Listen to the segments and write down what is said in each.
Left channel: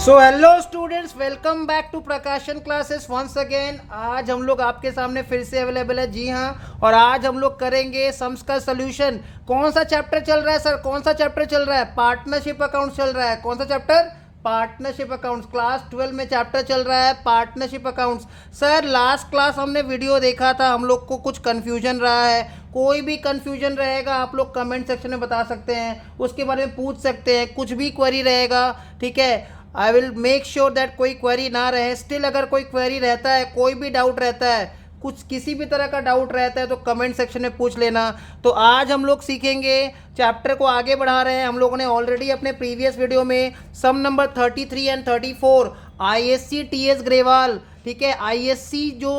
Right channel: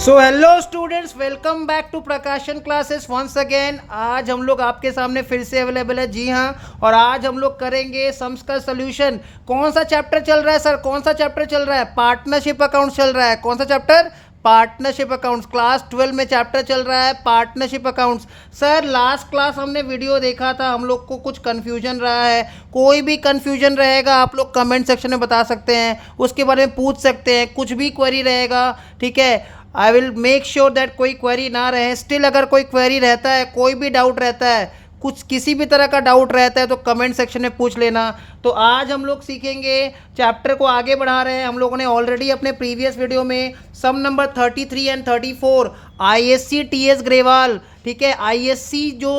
So hello students, welcome back to Prakashan classes once again. आज हम लोग आपके सामने फिर से अवेलेबल है, जी हाँ। और आज हम लोग करेंगे सम्स का सोल्यूशन। कौन सा चैप्टर चल रहा है सर? कौन सा चैप्टर चल रहा है? पार्टनरशिप अकाउंट चल रहा है। कौन सा चैप्टर? Partnership accounts. क्लास 12 में चैप्टर चल रहा है partnership accounts. Sir last class हमने वीडियो देखा था, हम लोग को कुछ कन्फ्यूजन रहा है। कोई भी कन्फ्यूजन रहेगा आप लोग कमेंट सेक्शन में बता सकते हैं, उसके बारे में पूछ सकते हैं। कुछ भी क्वेरी रहेगा, ठीक है, I will make sure that कोई क्वेरी ना रहे। स्टिल अगर कोई क्वेरी रहता है, कोई भी डाउट रहता है, कुछ किसी भी तरह का डाउट रहता है तो कमेंट सेक्शन में पूछ लेना। तो आज हम लोग सीखेंगे, चैप्टर को आगे बढ़ा रहे हैं। हम लोगों ने ऑलरेडी अपने प्रीवियस वीडियो में sum number 33 and 34 ISC TS Grewal, ठीक है, आईएससी जो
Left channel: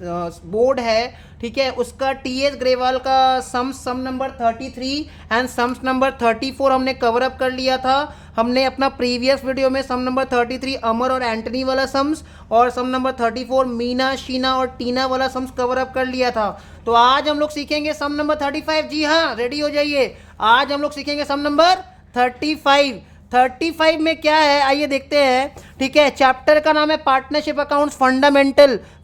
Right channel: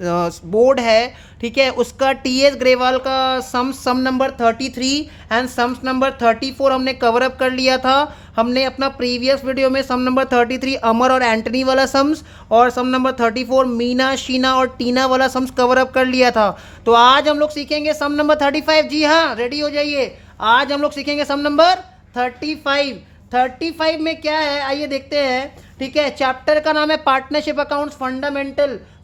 बोर्ड है, ठीक है, उसका टीएस ग्रेवाल का सम नंबर 33 एंड सम्स नंबर 34 हमने कवर अप कर लिया था। हमने अपना प्रीवियस वीडियो में सम नंबर 33 अमर और एंटनी वाला सम्स और सम नंबर 34 मीना, शीना और टीना वाला सम्स कवर अप कर लिया था। तो आज हम लोग सीखेंगे सम नंबर 35। जी हाँ, रेडी हो जाइए। आज हम लोग सीखेंगे सम नंबर 35। 35 में क्या है आइए देखते हैं, ठीक है। चैप्टर का नाम है partnership accounts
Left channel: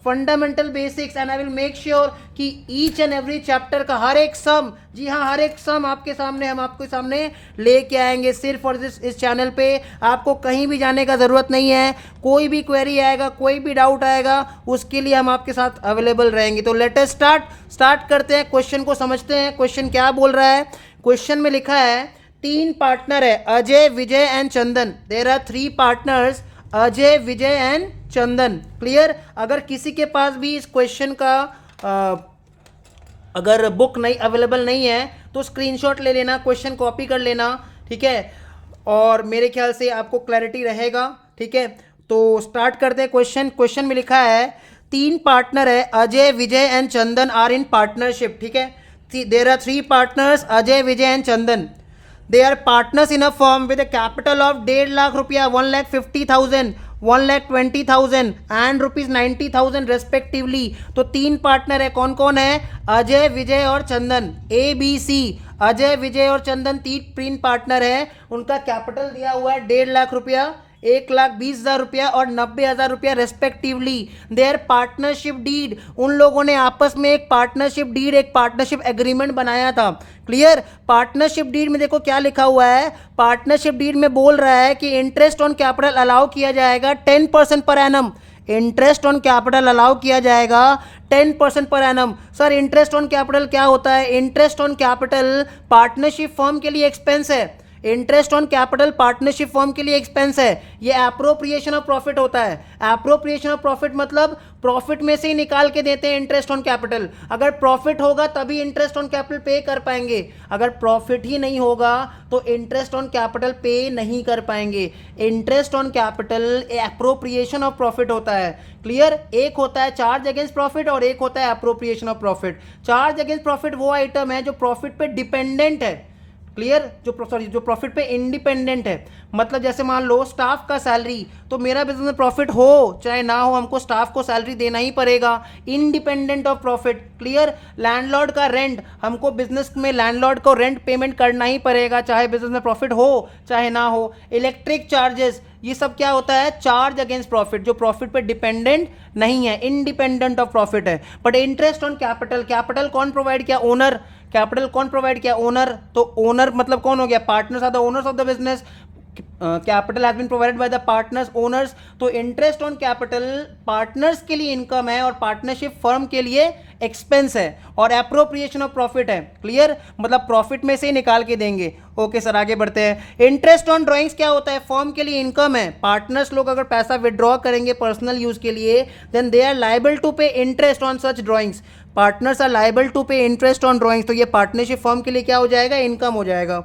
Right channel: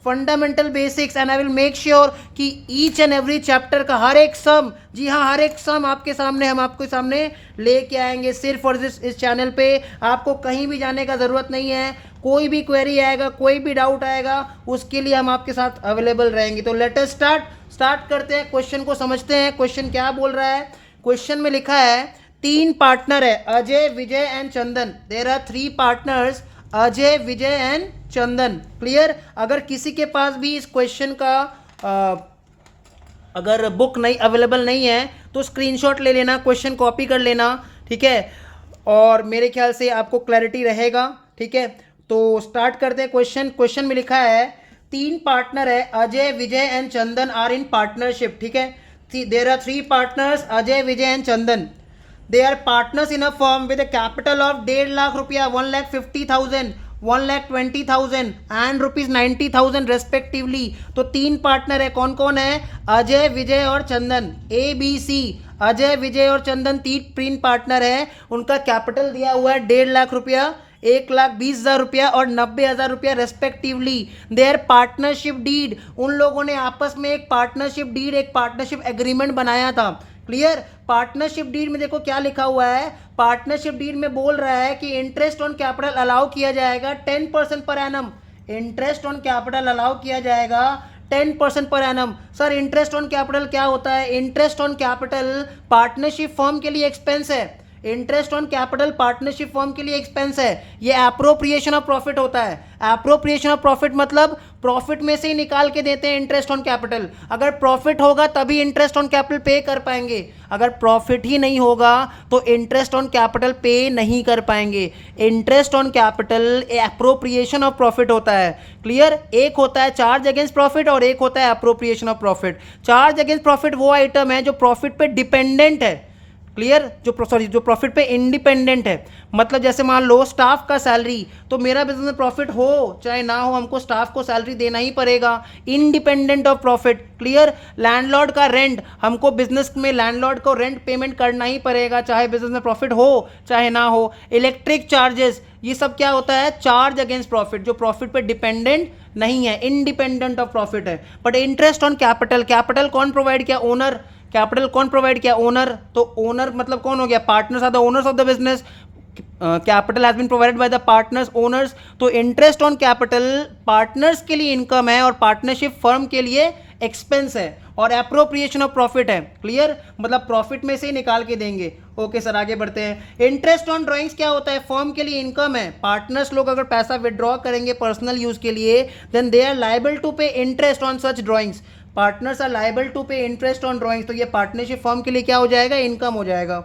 fundamental basics and I will make sure कि ईच एंड एवरी चैप्टर का हर एक सम, जी हाँ, हर एक सम आपके सामने, हम आपके सामने लेके आएंगे सिर्फ और इस चैनल पे। आपको कहीं भी जाने का ज़रूरत नहीं है। कोई भी क्वेरी आएगा, कोई भी डाउट आएगा, उसके लिए हम आपके साथ अवेलेबल रहेंगे। तो लेट अस स्टार्ट करते हैं। क्वेश्चन को समझते हैं। क्वेश्चन क्या बोल रहा है? क्वेश्चन में लिखा है 3 पार्टनर है, Ajay, Vijay and Chandan. There are 3 partners, Ajay, Vijay and Chandan. Clear? अगर किसी के पास भी इस क्वेश्चन का अगर बुक नहीं अवेलेबल नहीं है तो स्क्रीनशॉट ले लेना, क्वेश्चन कॉपी कर लेना, ठीक है, और मेरे ख्याल से आपको क्लैरिटी रहेगा, ठीक है। तो स्टार्ट करते हैं। क्वेश्चन में लिखा है 3 पार्टनर है, Ajay, Vijay and Chandan are in partnership, ठीक है। There are 3 partners, Ajay, Vijay and Chandan. They are partners in a firm with a capital of 1.5 lakh रुपया, 1,50,000, 1,20,000 एंड ₹90,000 रेस्पेक्टिवली। तो 3 पार्टनर है। कौन कौन है? अजय, विजय और चंदन। ABC, अजय, विजय और चंदन 3 पार्टनर है। उनका कैपिटल दिया हुआ है 1.5 लाख रुपया, 1,20,000 रुपया और 90,000 रुपया रेस्पेक्टिवली। देयर पार्टनरशिप डीड, उन लोगों ने आपस में एक पार्टनरशिप डीड, एक पार्टनरशिप एग्रीमेंट बनाया था। क्लियर? पार्टनरशिप डीड में देखो क्या लिखा हुआ है। पार्टनरशिप डीड में बोल रहा है कि इंटरेस्ट ऑन कैपिटल अलाउ किया जाएगा 10% per annum. Interest on capital allow किया जाएगा 10% per annum. Sir interest on capital क्या होता है? Interest on capital partnership firm के लिए एक्सपेंस है। Interest on capital partnership firm के लिए एक्सपेंस है। ये एप्रोप्रिएशन ऑफ प्रॉफिट होता है। एप्रोप्रिएशन ऑफ प्रॉफिट मतलब प्रॉफिट में से ही निकाल के देते हैं इंटरेस्ट ऑन कैपिटल। अगर प्रॉफिट होगा तभी इंटरेस्ट ऑन कैपिटल पे कर पाएंगे, अगर प्रॉफिट ही नहीं होगा तो इंटरेस्ट ऑन कैपिटल पे नहीं कर पाएंगे। Interest on capital appropriation of profit होता है। क्लियर? एक होता है चार्ज अगेंस्ट प्रॉफिट और एक होता है appropriation of profit. Charge against profit वो आइटम है जो प्रॉफिट पे डिपेंडेंट है। क्लियर? जो प्रॉफिट पे इंडिपेंडेंट है। मतलब जैसे मान लो स्टाफ का सैलरी, तो मेरा बिजनेस में प्रॉफिट हो चाहे ना हो, हमको स्टाफ को सैलरी देना ही पड़ेगा, independent of profit. Clear? Landlord का रेंट, हमको बिजनेस में लैंडलॉर्ड को रेंट पेमेंट करना ही पड़ेगा, चाहे बिजनेस में प्रॉफिट हो चाहे ना हो। इलेक्ट्रिक चार्जेस, ये सब क्या होता है? चार्ज अगेंस्ट प्रॉफिट, जो प्रॉफिट पे डिपेंडेंट नहीं है, इंडिपेंडेंट ऑफ प्रॉफिट है। But interest on capital, capital कौन प्रोवाइड किया? ओनर। कैपिटल कौन प्रोवाइड किया? ओनर। तो ओनर मतलब कौन हो गया? Partners are the owners of the business. Capital has been provided by the partners, owners. तो इंटरेस्ट ऑन कैपिटल पार्टनर्स के लिए इनकम है और पार्टनरशिप फर्म के लिए एक्सपेंस है और एप्रोप्रिएशन ऑफ प्रॉफिट है। क्लियर? मतलब प्रॉफिट में से ही निकाल के देंगे। ओके सर, आगे बढ़ते हैं। इंटरेस्ट ऑन ड्राइंग्स क्या होता है? फर्म के लिए इनकम है। पार्टनर्स लोग अगर पैसा विड्रॉ करेंगे पर्सनल यूज के लिए, then they are liable to pay interest on such drawings. Partners are liable to pay interest on drawings. तो ये पार्टनरशिप फर्म के लिए क्या हो जाएगा? इनकम हो जाएगा।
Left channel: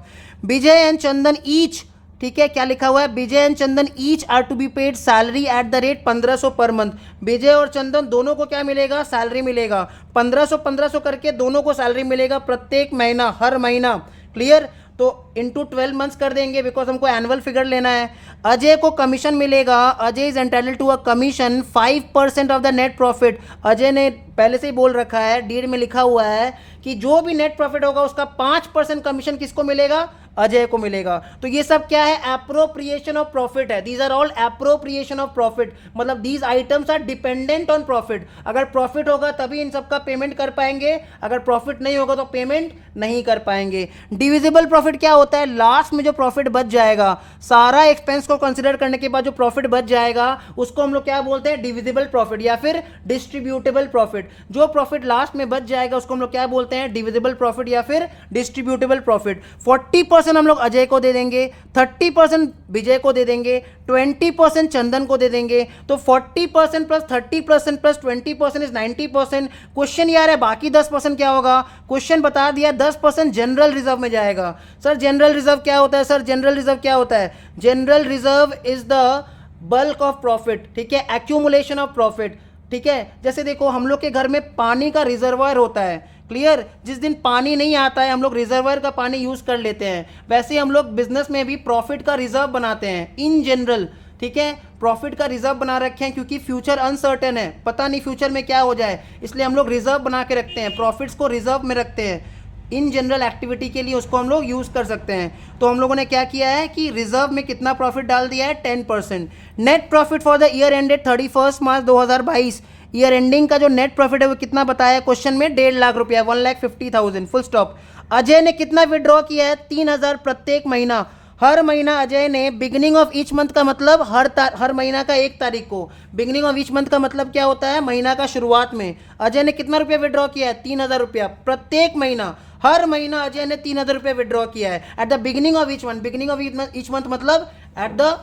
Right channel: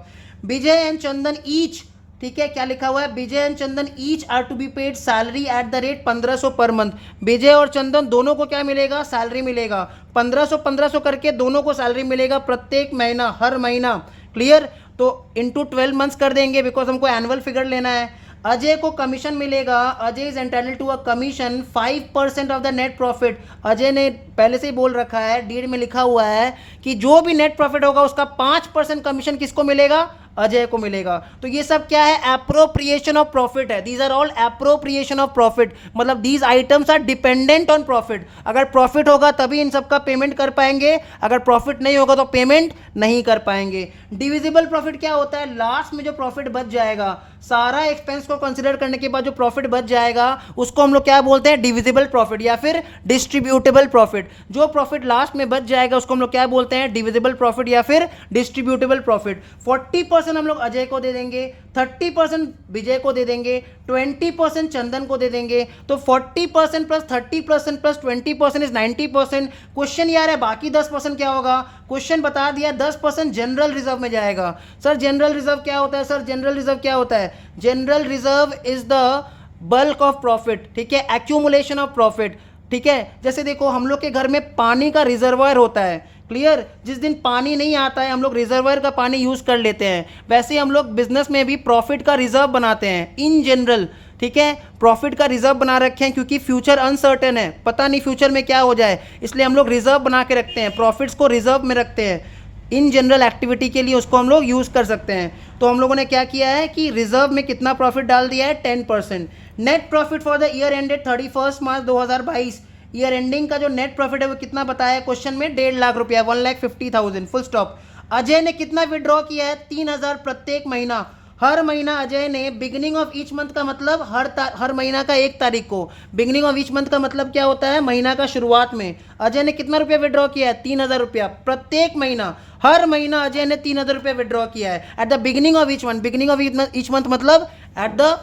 विजय एंड चंदन ईच, ठीक है, क्या लिखा हुआ है? Vijay and Chandan each are to be paid salary at the rate 1500 per month. विजय और चंदन दोनों को क्या मिलेगा? सैलरी मिलेगा। 1500 करके दोनों को सैलरी मिलेगा प्रत्येक महीना, हर महीना। क्लियर? तो इंटू 12 मंथ्स कर देंगे बिकॉज हमको एनुअल फिगर लेना है। अजय को कमीशन मिलेगा। Ajay is entitled to a commission 5% of the net profit. Ajay ने पहले से ही बोल रखा है, डीड में लिखा हुआ है कि जो भी नेट प्रॉफिट होगा उसका 5% कमीशन किसको मिलेगा? अजय को मिलेगा। तो ये सब क्या है, एप्रोप्रिएशन ऑफ प्रॉफिट है। These are all appropriation of profit, मतलब these items are dependent on profit. अगर प्रॉफिट होगा तभी इन सब का पेमेंट कर पाएंगे, अगर प्रॉफिट नहीं होगा तो पेमेंट नहीं कर पाएंगे। डिविजिबल प्रॉफिट क्या होता है, लास्ट में जो प्रॉफिट बच जाएगा, सारा एक्सपेंस को कंसिडर करने के बाद जो प्रॉफिट बच जाएगा उसको हम लोग क्या बोलते हैं, डिविजिबल प्रॉफिट या फिर डिस्ट्रीब्यूटेबल प्रॉफिट। जो प्रॉफिट लास्ट में बच जाएगा उसको हम लोग क्या बोलते हैं, डिविजिबल प्रॉफिट या फिर डिस्ट्रीब्यूटेबल प्रॉफिट। 40% हम लोग अजय को दे देंगे, 30% विजय को दे देंगे, 20% चंदन को दे देंगे। तो 40% प्लस 30% प्लस 20% इज 90%। क्वेश्चन यार है बाकी 10% क्या होगा, क्वेश्चन बता दिया 10% जनरल रिजर्व में जाएगा। सर जनरल रिजर्व क्या होता है, सर जनरल रिजर्व क्या होता है, general reserve is the bulk of profit, ठीक है, एक्यूमुलेशन ऑफ प्रॉफिट, ठीक है। जैसे देखो हम लोग के घर में पानी का रिजर्वायर होता है, क्लियर, जिस दिन पानी नहीं आता है हम लोग रिजर्वायर का पानी यूज कर लेते हैं। वैसे ही हम लोग बिजनेस में भी प्रॉफिट का रिजर्व बनाते हैं इन जनरल, ठीक है, प्रॉफिट का रिजर्व बना रखे हैं क्योंकि फ्यूचर अनसर्टेन है, पता नहीं फ्यूचर में क्या हो जाए, इसलिए हम लोग रिजर्व बना के रखते हैं, प्रॉफिट्स को रिजर्व में रखते हैं इन जनरल एक्टिविटी के लिए, उसको हम लोग यूज़ कर सकते हैं। तो हम लोगों ने क्या किया है कि रिजर्व में कितना प्रॉफिट डाल दिया है, 10%। Net profit for the year ended 31 March 2022, year ending का जो नेट प्रॉफिट है वो कितना बताया क्वेश्चन में, 1.5 लाख रुपया, 1,50,000, फुल स्टॉप। अजय ने कितना विड्रॉ किया है, 3,000 प्रत्येक महीना। हर महीना अजय ने बिगिनिंग ऑफ ईच मंथ का मतलब हर महीना का 1 तारीख को, बिगिनिंग ऑफ ईच मंथ का मतलब क्या होता है, महीना का शुरुआत में अजय ने कितना रुपया विड्रॉ किया है, 3,000 रुपया प्रत्येक महीना। हर महीना अजय ने 3,000 रुपया विड्रॉ किया है at the beginning of each month. Beginning of each month मतलब at the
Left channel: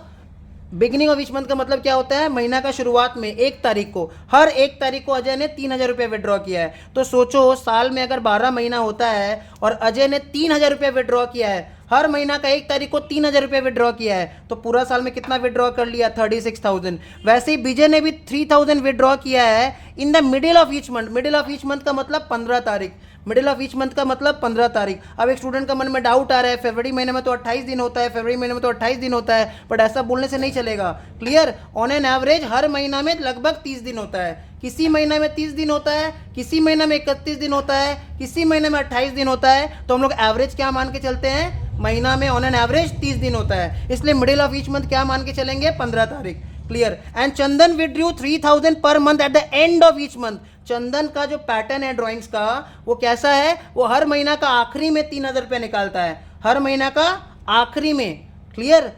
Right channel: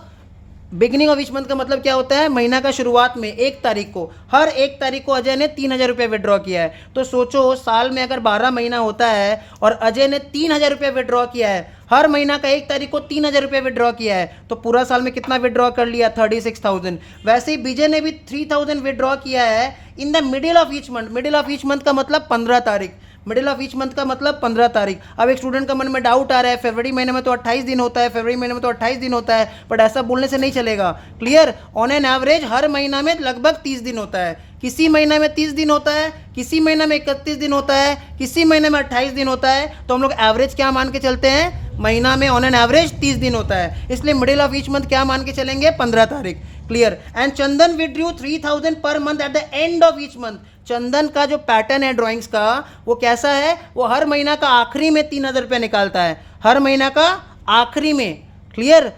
beginning of each month का मतलब क्या होता है, महीना का शुरुआत में 1 तारीख को, हर 1 तारीख को अजय ने 3,000 रुपये विड्रॉ किया है। तो सोचो साल में अगर 12 महीना होता है और अजय ने 3,000 रुपये विड्रॉ किया है, हर महीना का 1 तारीख को 3,000 रुपये विड्रॉ किया है, तो पूरा साल में कितना विड्रॉ कर लिया, 36,000। वैसे ही विजय ने भी 3,000 विड्रॉ किया है in the middle of each month. Middle of each month का मतलब 15 तारीख, मिडिल ऑफ ईच मंथ का मतलब 15 तारीख। अब एक स्टूडेंट का मन में डाउट आ रहा है, फरवरी महीने में तो 28 दिन होता है, फरवरी महीने में तो 28 दिन होता है, बट ऐसा बोलने से नहीं चलेगा, क्लियर। ऑन एन एवरेज हर महीना में लगभग 30 दिन होता है, किसी महीने में 30 दिन होता है, किसी महीने में 31 दिन होता है, किसी महीने में 28 दिन होता है। तो हम लोग एवरेज क्या मान के चलते हैं, महीना में ऑन एन एवरेज 30 दिन होता है, इसलिए मिडिल ऑफ ईच मंथ क्या मान के चलेंगे, 15 तारीख, clear. And Chandan withdrew 3,000 per month at the end of each month. Chandan का जो पैटर्न है ड्राइंग्स का वो कैसा है, वो हर महीना का आखिरी में 3,000 रुपया निकालता है, हर महीना का आखिरी में, clear,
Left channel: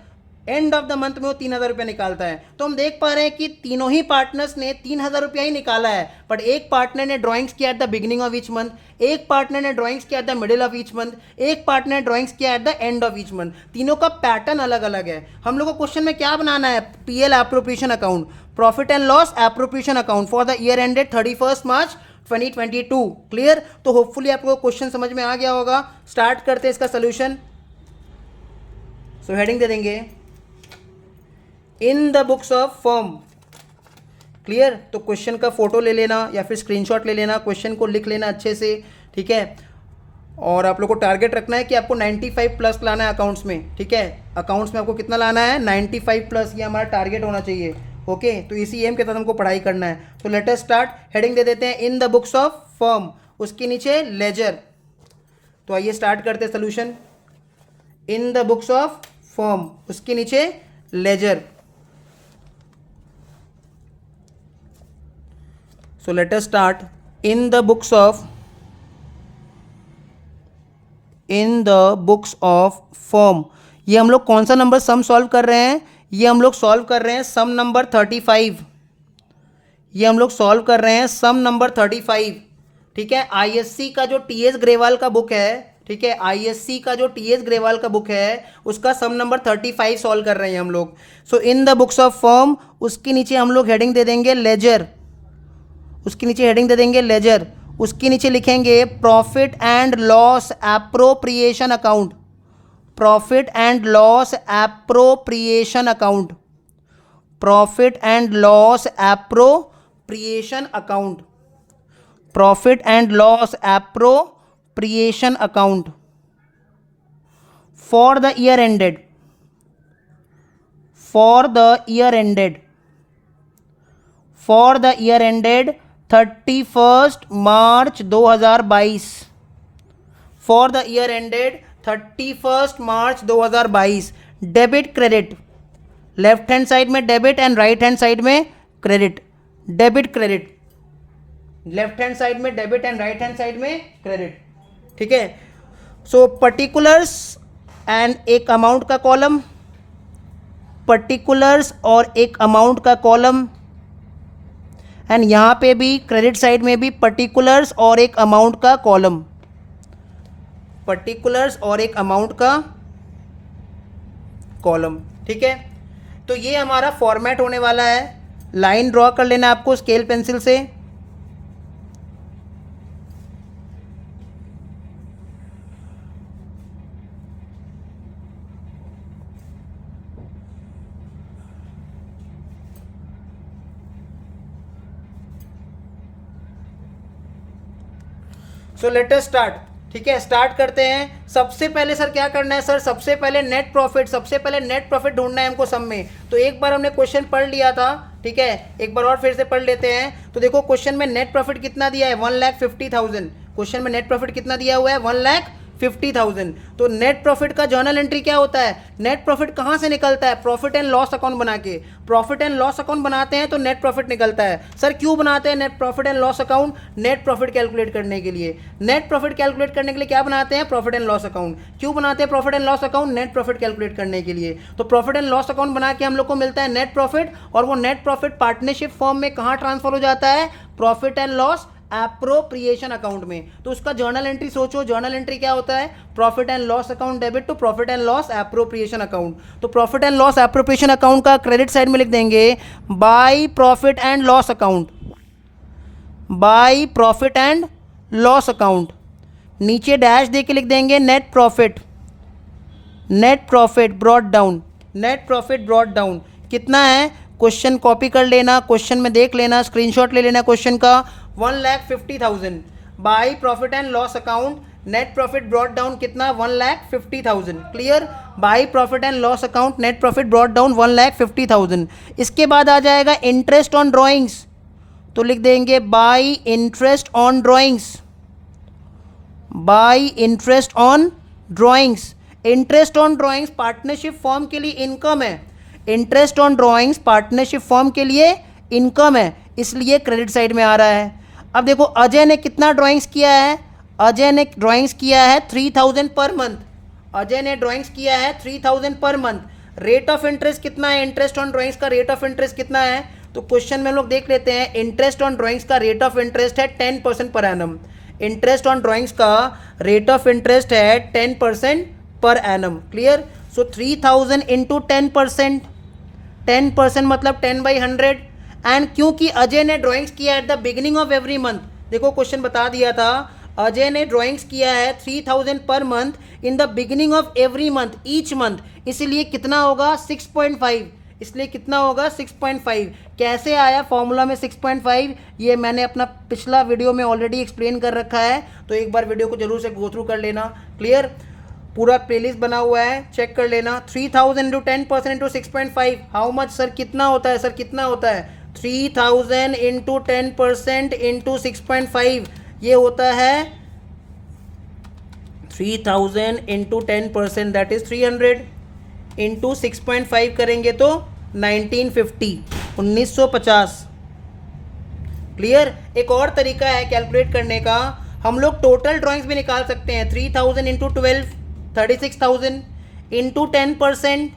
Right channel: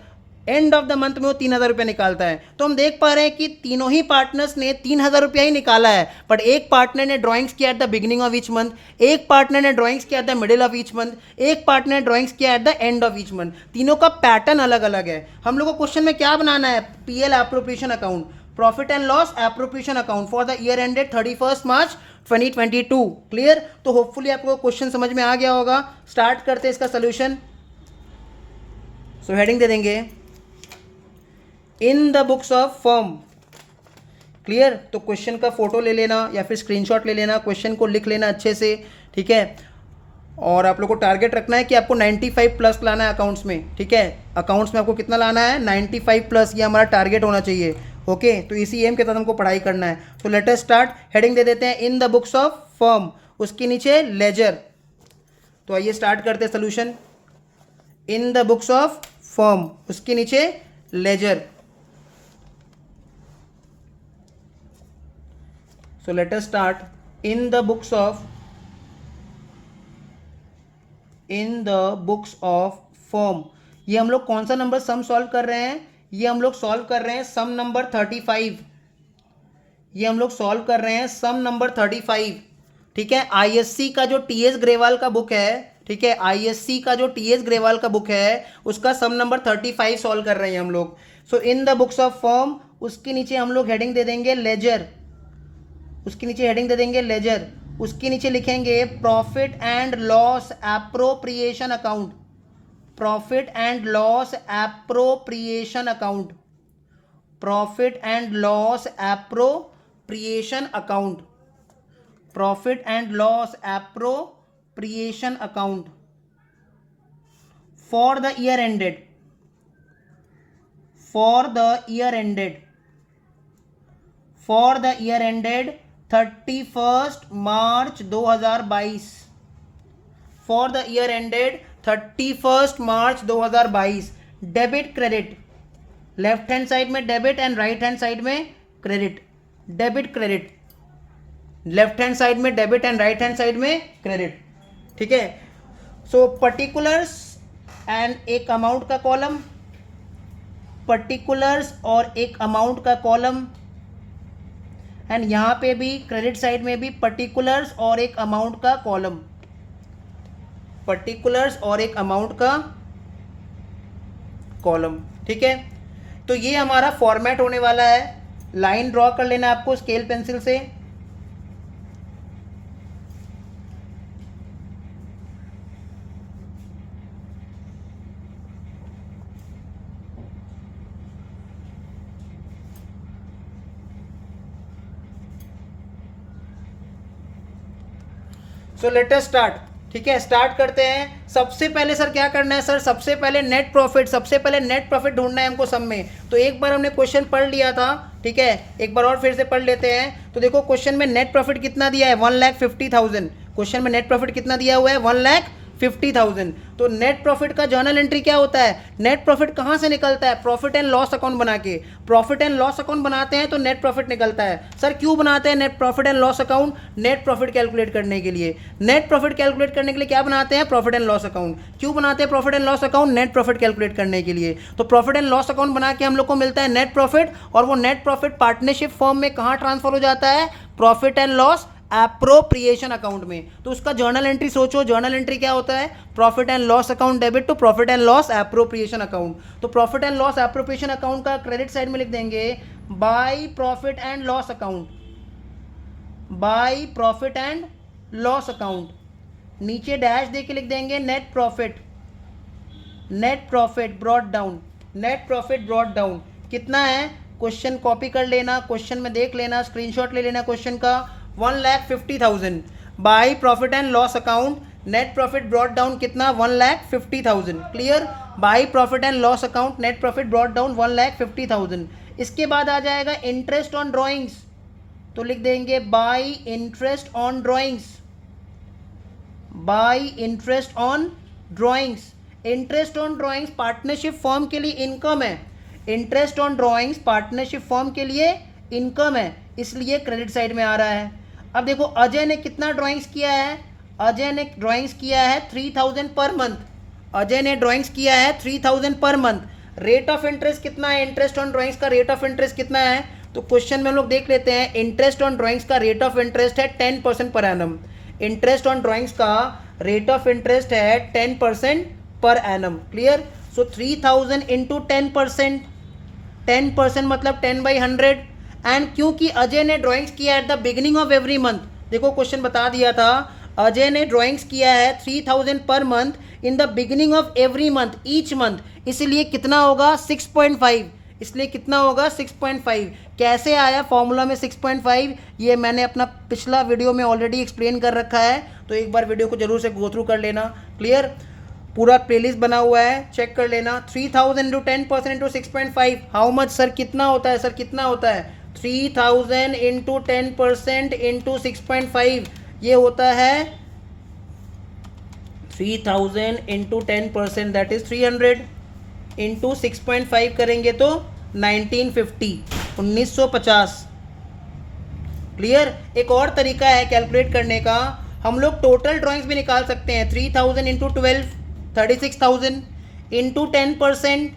end of the month में वो 3,000 रुपया निकालता है। तो हम देख पा रहे हैं कि तीनों ही पार्टनर्स ने 3,000 रुपया ही निकाला है, बट एक पार्टनर ने ड्राइंग्स किया eight the beginning of each month, एक पार्टनर ने ड्राइंग्स किया at the middle of each month, एक पार्टनर ने ड्राइंग्स किया eight the end of each month. तीनों का पैटर्न अलग अलग है। हम लोग को क्वेश्चन में क्या बनाना है, PL appropriation account, profit and loss appropriation account for the year ended 31 March 2022, clear. तो होपफुली आपको क्वेश्चन समझ में आ गया होगा। स्टार्ट करते हैं इसका सोल्यूशन। सो हेडिंग दे देंगे इन the books of firm, clear. तो क्वेश्चन का फोटो ले लेना या फिर स्क्रीनशॉट ले लेना, क्वेश्चन को लिख लेना अच्छे से, ठीक है। और आप लोग को टारगेट रखना है कि आपको 95 प्लस लाना है अकाउंट्स में, ठीक है। अकाउंट्स में आपको कितना लाना है, 95 प्लस, ये हमारा टारगेट होना चाहिए, ओके। तो इसी एम के साथ हमको पढ़ाई करना है। तो लेट अस स्टार्ट। हेडिंग दे देते हैं इन द बुक्स ऑफ फर्म, उसके नीचे लेजर। तो आइए स्टार्ट करते हैं solution. In the books of firm, उसके नीचे laser. So let us start in the books of firm। ये हम लोग कौन सा नंबर सम सॉल्व कर रहे हैं, ये हम लोग सॉल्व कर रहे हैं सम नंबर 35, ये हम लोग सॉल्व कर रहे हैं सम नंबर 35, ठीक है। आईएससी का जो टीएस ग्रेवाल का बुक है, ठीक है, आईएससी का जो टीएस ग्रेवाल का बुक है उसका सम नंबर 35 सॉल्व कर रहे हैं हम लोग। So in the books of firm, उसके नीचे हम लोग हेडिंग दे देंगे लेजर, उसके नीचे हेडिंग दे देंगे लेजर, उसके नीचे लिखेंगे profit and loss appropriation account, profit and loss appropriation account, profit and loss appropriation account, profit and loss appropriation account for the year ended, for the year ended, for the year ended 31 March 2022, for the year ended 31 March 2022, debit credit, left hand side में debit and right hand side में credit, debit credit, left hand side में debit and right hand side में credit, ठीक है। सो particulars and एक amount का column, particulars और एक अमाउंट का कॉलम, एंड यहाँ पे भी क्रेडिट साइड में भी पर्टिकुलर्स और एक अमाउंट का कॉलम, पर्टिकुलर्स और एक अमाउंट का कॉलम, ठीक है। तो ये हमारा फॉर्मेट होने वाला है। लाइन ड्रॉ कर लेना आपको स्केल पेंसिल से। सो लेट अस स्टार्ट, ठीक है, स्टार्ट करते हैं। सबसे पहले सर क्या करना है सर, सबसे पहले नेट प्रॉफिट, सबसे पहले नेट प्रॉफिट ढूंढना है हमको सब में। तो एक बार हमने क्वेश्चन पढ़ लिया था, ठीक है, एक बार और फिर से पढ़ लेते हैं। तो देखो क्वेश्चन में नेट प्रॉफिट कितना दिया है, 1,50,000। क्वेश्चन में नेट प्रॉफिट कितना दिया हुआ है, 1,50,000। तो नेट प्रॉफिट का जर्नल एंट्री क्या होता है, नेट प्रॉफिट कहाँ से निकलता है, प्रॉफिट एंड लॉस अकाउंट बना के। प्रॉफिट एंड लॉस अकाउंट बनाते हैं तो नेट प्रॉफिट निकलता है। सर क्यों बनाते हैं net profit and loss account, net profit calculate करने के लिए। नेट प्रॉफिट कैलकुलेट करने के लिए क्या बनाते हैं, प्रॉफिट एंड लॉस अकाउंट। क्यों बनाते हैं profit and loss account, net profit calculate करने के लिए। तो प्रॉफिट एंड लॉस अकाउंट बना के हम लोग को मिलता है नेट प्रॉफिट, और वो नेट प्रॉफिट पार्टनरशिप फॉर्म में कहाँ ट्रांसफर हो जाता है, profit and loss appropriation account में। तो उसका जर्नल एंट्री सोचो, जर्नल एंट्री क्या होता है, profit and loss account debit to profit and loss appropriation account. तो profit and loss appropriation account का क्रेडिट साइड में लिख देंगे by profit and loss account, by profit and loss account. नीचे डैश दे के लिख देंगे net profit, net profit brought down, net profit brought down. कितना है, क्वेश्चन कॉपी कर लेना, क्वेश्चन में देख लेना, स्क्रीनशॉट ले लेना क्वेश्चन का। 1,50,000 bye profit and loss account, net profit brought down कितना, 1,50,000। Clear, bye profit and loss account, net profit brought down 1,50,000। इसके बाद आ जाएगा इंटरेस्ट ऑन ड्रॉइंग्स, तो लिख देंगे bye interest on drawings, bye interest on drawings. Interest on drawings partnership form के लिए income है, interest on drawings partnership form के लिए इनकम है, इसलिए क्रेडिट साइड में आ रहा है। अब देखो अजय ने कितना ड्राइंग्स किया है, अजय ने ड्राइंग्स किया है 3,000 पर मंथ, अजय ने ड्राइंग्स किया है 3,000 per month. Rate of interest कितना है, इंटरेस्ट ऑन ड्राइंग्स का रेट ऑफ इंटरेस्ट कितना है, तो क्वेश्चन में हम लोग देख लेते हैं। इंटरेस्ट ऑन ड्राइंग्स का रेट ऑफ इंटरेस्ट है 10% per annum, interest on drawings का रेट ऑफ इंटरेस्ट है 10% पर एनम। क्लियर, सो 3,000 इंटू 10%, 10% मतलब 10/100। एंड क्योंकि अजय ने ड्राइंग्स किया eight the beginning of every month, देखो क्वेश्चन बता दिया था, अजय ने ड्राइंग्स किया है 3,000 per month in the beginning of every month, each month, इसलिए कितना होगा 6.5, इसलिए कितना होगा 6.5। कैसे आया फॉर्मूला में 6.5, ये मैंने अपना पिछला वीडियो में ऑलरेडी एक्सप्लेन कर रखा है, तो एक बार वीडियो को जरूर से गो थ्रू कर लेना। क्लियर, पूरा प्लेलिस्ट बना हुआ है, चेक कर लेना। 3,000 into 10% into 6.5, how much sir, कितना होता है सर, कितना होता है, 3,000 इंटू 10% इंटू 6.5, ये होता है 3,000 इंटू 10%, दैट इज 300, इंटू 6.5 करेंगे तो 1950, 1950। क्लियर, एक और तरीका है कैलकुलेट करने का, हम लोग टोटल ड्राइंग्स भी निकाल सकते हैं। 3,000 इंटू 12, 36,000 इंटू 10%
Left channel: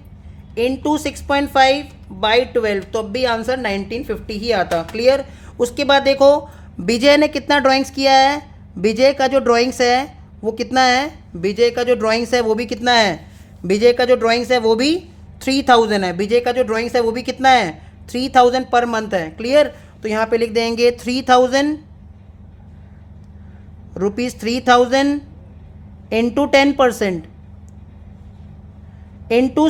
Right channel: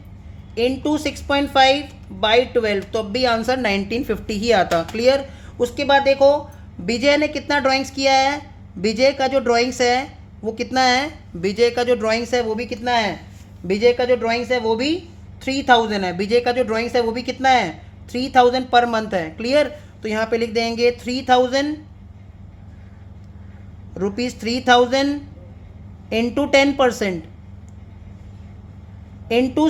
इंटू 6.5 बाई 12, तो अब भी आंसर 1950 ही आता। क्लियर, उसके बाद देखो विजय ने कितना ड्राइंग्स किया है, विजय का जो ड्राइंग्स है वो कितना है, विजय का जो ड्राइंग्स है वो भी कितना है, विजय का जो ड्राइंग्स है वो भी 3,000 है, विजय का जो ड्राइंग्स है वो भी कितना है 3,000 पर मंथ है। क्लियर, तो यहाँ पे लिख देंगे 3,000 रुपीज़, 3,000 इंटू 10% इंटू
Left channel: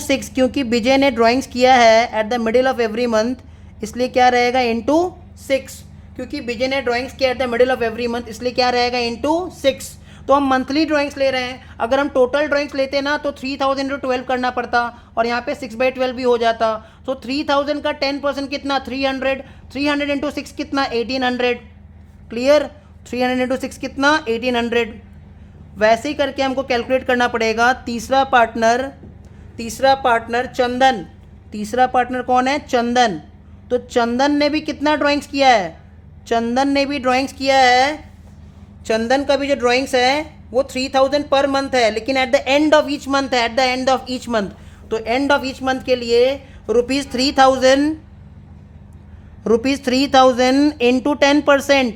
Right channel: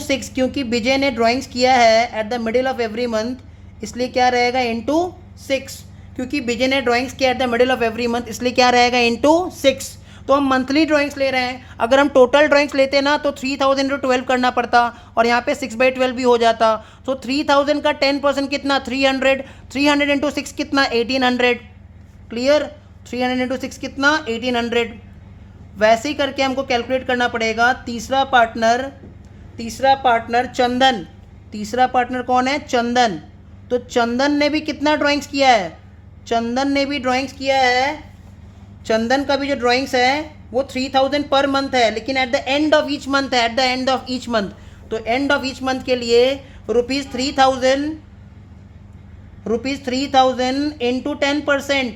6, क्योंकि विजय ने ड्राइंग्स किया है at the middle of every month, इसलिए क्या रहेगा इंटू 6, क्योंकि विजय ने ड्राइंग्स किया at the middle of every month, इसलिए क्या रहेगा इंटू 6। तो हम मंथली ड्राइंग्स ले रहे हैं, अगर हम टोटल ड्राइंग्स लेते ना तो 3,000 इंटू 12 करना पड़ता, और यहाँ पे 6/12 भी हो जाता। तो 3,000 का 10% कितना 300, 300 इंटू 6 कितना 1,800। क्लियर, 300 इंटू 6 कितना 1,800। वैसे ही करके हमको कैलकुलेट करना पड़ेगा। तीसरा पार्टनर चंदन, तीसरा पार्टनर कौन है? चंदन। तो चंदन ने भी कितना ड्राइंग्स किया है? चंदन ने भी ड्राइंग्स किया है, चंदन का भी जो ड्राइंग्स है वो 3000 पर मंथ है, लेकिन at the end of each month है, at the end of each month. तो एंड ऑफ ईच मंथ के लिए ₹3000 into 10%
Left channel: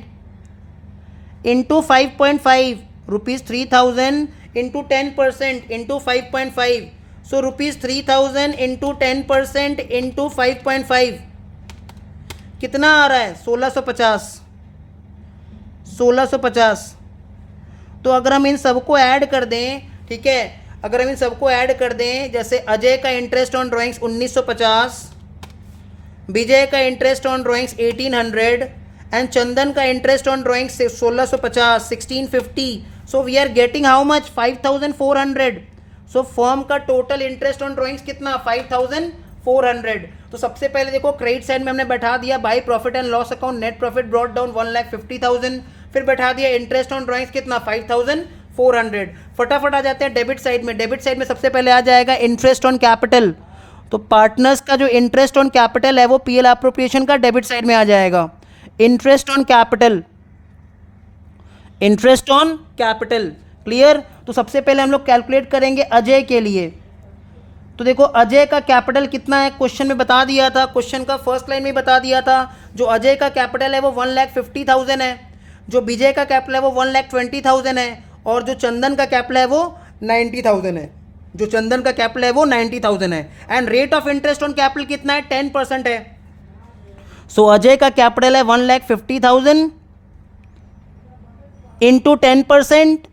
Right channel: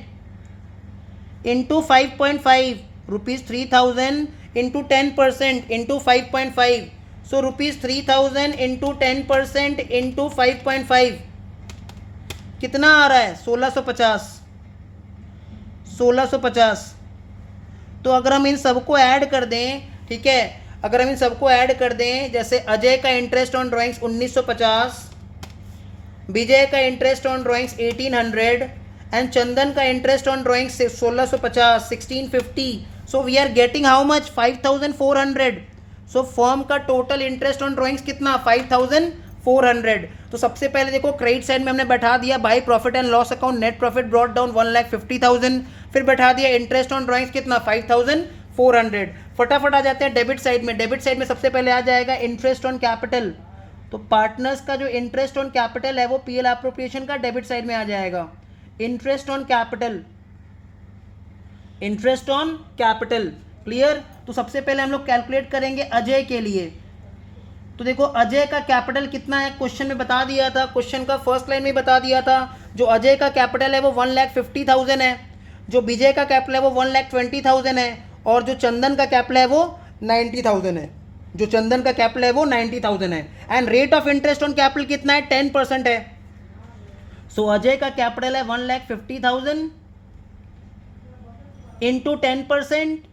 into 5.5, ₹3000 into 10% into 5.5, so ₹3000 into 10% into 5.5 कितना आ रहा है? 1650। तो अगर हम इन सबको ऐड कर दें, ठीक है, अगर हम इन सबको ऐड कर दें, जैसे अजय का इंटरेस्ट ऑन ड्राइंग्स 1950, विजय का interest on drawings 1800 and Chandan का interest on drawings 1650, 1650, so we are getting how much? 5400। So firm का टोटल इंटरेस्ट ऑन ड्राइंग्स कितना? 5400। तो सबसे पहले देखो क्रेडिट साइड में हमने बैठा दिया bye profit and loss account, net profit brought down 1,50,000, फिर बैठा दिया इंटरेस्ट ऑन ड्राइंग्स कितना? 5400। फटाफट आ जाते हैं डेबिट साइड में। डेबिट साइड में सबसे पहले आ जाएगा इंटरेस्ट ऑन कैपिटल। तो पार्टनर्स का जो इंटरेस्ट ऑन कैपिटल है वो पीएल एप्रोप्रिएशन का डेबिट साइड में आ जाएगा। Interest on capital, interest on capital, clear. तो सबसे पहले हम लोग कैलकुलेट करेंगे अजय के लिए। तो देखो अजय का कैपिटल कितना है, क्वेश्चन में बता दिया था, क्वेश्चन का फर्स्ट लाइन में बता दिया था। जो अजय का कैपिटल है वो 1,50,000 है, जो विजय का कैपिटल है वो 1,20,000 है, और जो चंदन का कैपिटल है वो 90,000 है, जो चंदन का कैपिटल है वो 90,000 है। And rate of interest on capital कितना है? 10% है। सो अजय का कैपिटल है 1,50,000 इंटू 10%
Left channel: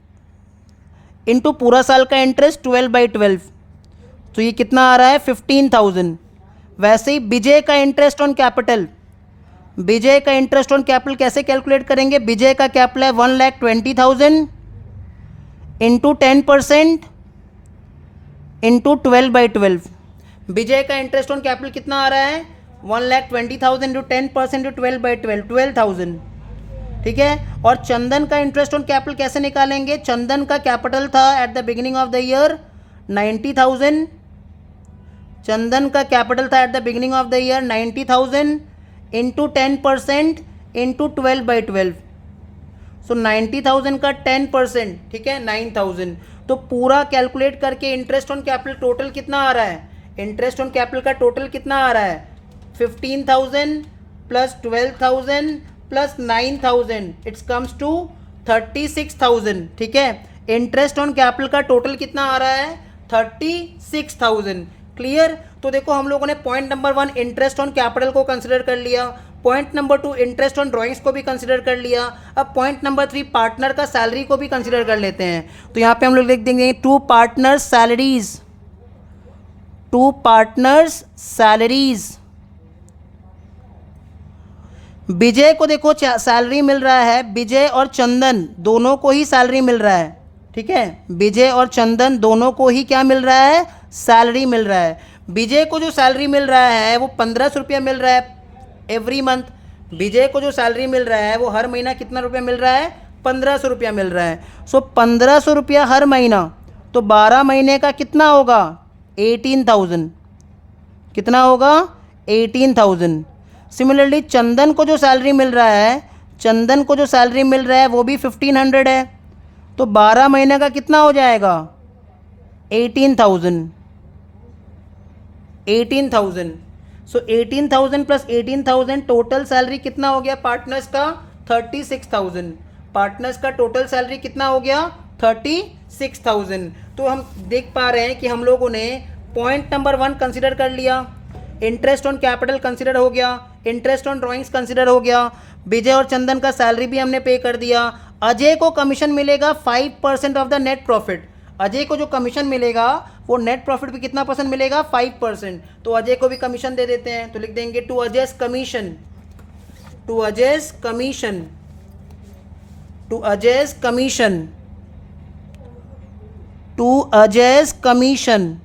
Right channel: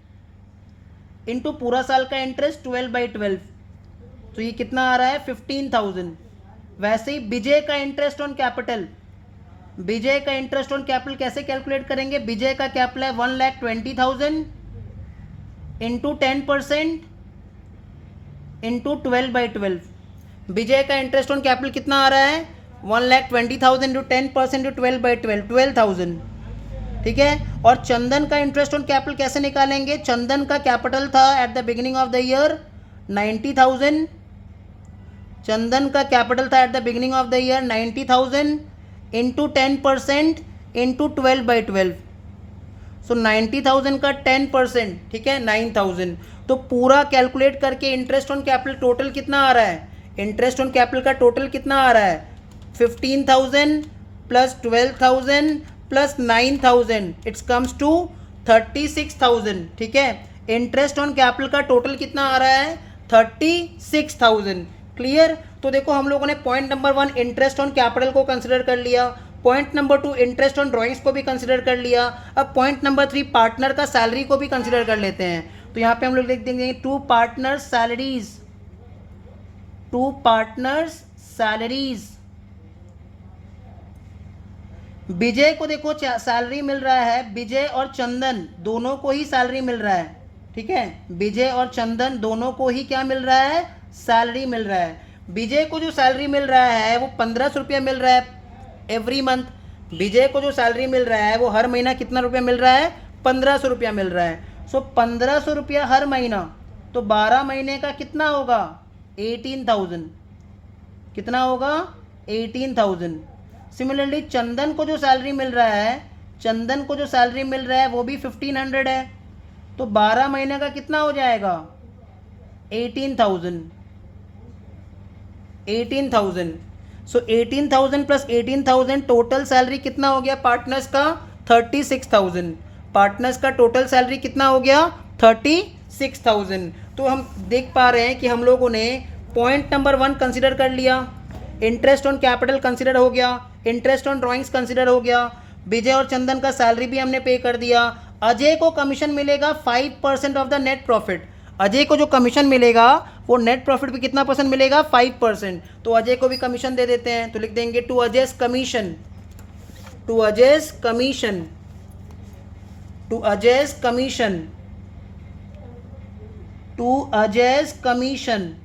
इंटू पूरा साल का इंटरेस्ट 12/12, तो ये कितना आ रहा है? 15,000। वैसे ही विजय का इंटरेस्ट ऑन कैपिटल, विजय का इंटरेस्ट ऑन कैपिटल कैसे कैलकुलेट करेंगे? विजय का कैपिटल है 1,20,000 इंटू 10% इंटू 12/12। विजय का इंटरेस्ट ऑन कैपिटल कितना आ रहा है? 1,20,000 इंटू 10% इंटू 12/12, 12,000, ठीक है। और चंदन का इंटरेस्ट ऑन कैपिटल कैसे निकालेंगे? चंदन का कैपिटल था eight the beginning of the year 90,000, चंदन का कैपिटल था eight the beginning of the year 90,000 into 10% into 12/12, सो 90,000 का 10%, ठीक है, 9,000। तो पूरा कैलकुलेट करके इंटरेस्ट ऑन कैपिटल टोटल कितना आ रहा है? इंटरेस्ट ऑन कैपिटल का टोटल कितना आ रहा है? 15,000 plus 12,000 plus 9,000, it's comes to 36,000, ठीक है। इंटरेस्ट ऑन कैपिटल का टोटल कितना आ रहा है? 36,000, क्लियर। तो देखो हम लोगों ने point number 1 interest on capital को कंसिडर कर लिया, point number 2 interest on drawings को भी कंसिडर कर लिया। अब पॉइंट नंबर 3 पार्टनर का सैलरी को भी कंसिडर कर लेते हैं। तो यहाँ पे हम लोग लिख देंगे 2 पार्टनर्स सैलरीज, 2 पार्टनर्स सैलरीज। विजय को देखो सैलरी मिल रहा है, विजय और चंदन दोनों को ही सैलरी मिल रहा है, ठीक है, विजय और चंदन दोनों को ही क्या मिल रहा है? सैलरी मिल रहा है। विजय को जो सैलरी मिल रहा है वो 1,500 रुपया मिल रहा है एवरी मंथ। विजय को जो सैलरी मिल रहा है वो हर महीना कितना रुपया मिल रहा है? 1,500 रुपया मिल रहा है। सो 1,500 रुपया हर महीना, तो 12 महीने का कितना होगा? 18,000, कितना होगा? 18,000। सिमिलरली चंदन को जो सैलरी मिल रहा है, चंदन को जो सैलरी मिल रहा है वो भी 1,500 है, तो 12 महीने का कितना हो जाएगा? 18,000, 18,000। सो 18,000 प्लस 18,000 टोटल सैलरी कितना हो गया पार्टनर्स का? 36,000। पार्टनर्स का टोटल सैलरी कितना हो गया? 36,000। तो हम देख पा रहे हैं कि हम लोगों ने पॉइंट नंबर 1 कंसिडर कर लिया, इंटरेस्ट ऑन कैपिटल कंसिडर हो गया, इंटरेस्ट ऑन ड्राइंग्स कंसिडर हो गया, विजय और चंदन का सैलरी भी हमने पे कर दिया। अजय को कमीशन मिलेगा 5% of the net profit. Ajay को जो कमीशन मिलेगा वो नेट प्रॉफिट पे कितना परसेंट मिलेगा? 5%। तो अजय को भी कमीशन दे देते हैं, तो लिख देंगे to Ajay's commission, to Ajay's commission, to Ajay's commission, to Ajay's commission.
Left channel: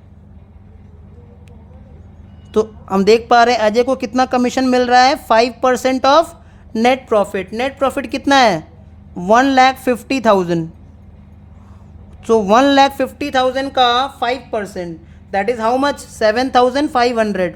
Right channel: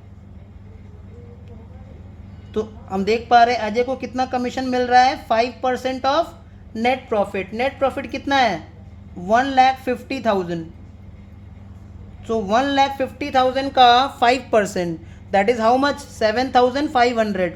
तो हम देख पा रहे हैं अजय को कितना कमीशन मिल रहा है? 5% of net profit. Net profit कितना है? 1,50,000, सो 1,50,000 का 5%, दैट इज हाउ मच? 7,500।